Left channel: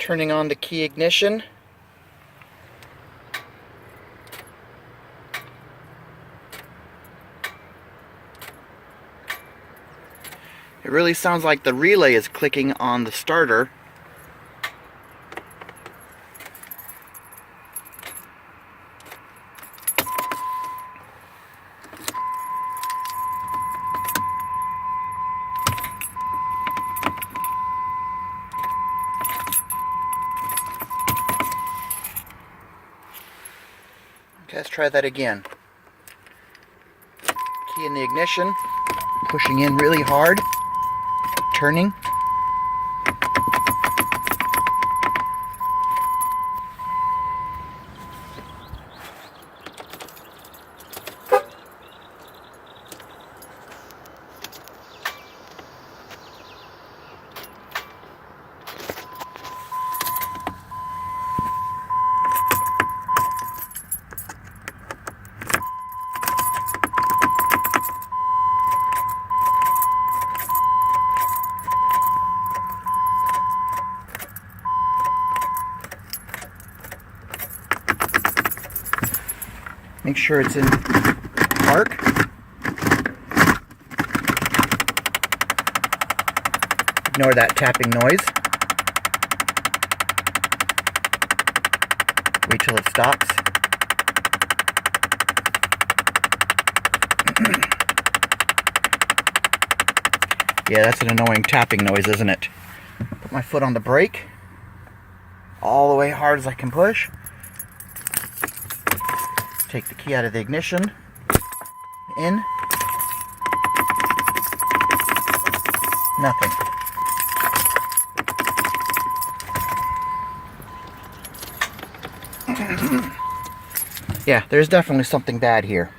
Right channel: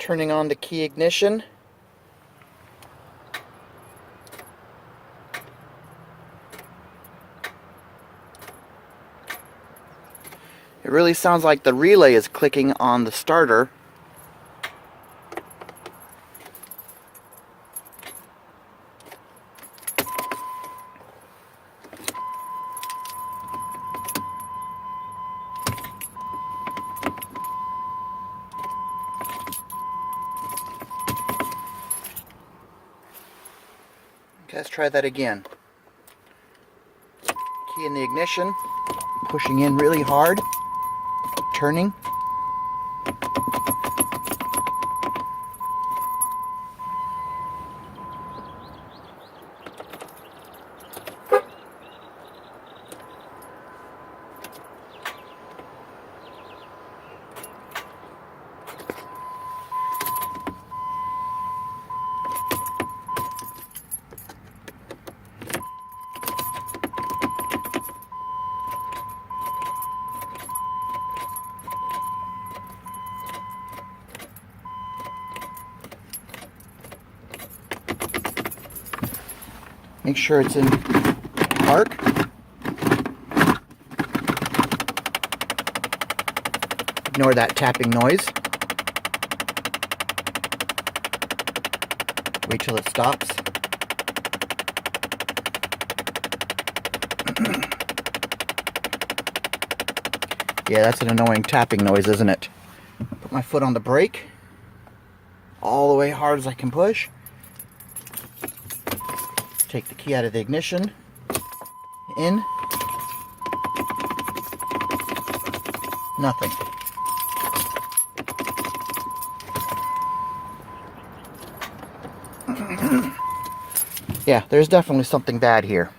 Turning on the key ignition. It really sounds like the relay is clicking on the starter. Okay, let's try that again. Key in the ignition, pushing in really hard, turning. Make sure it's in park. Ignore that tapping noise. Wait till it stops. Yeah, that's an annoying tapping noise, isn't it? Put my foot on the brake. All the way hard as I can push. Take the key out of the ignition, in, nothing. Yeah, there's definitely something bad here.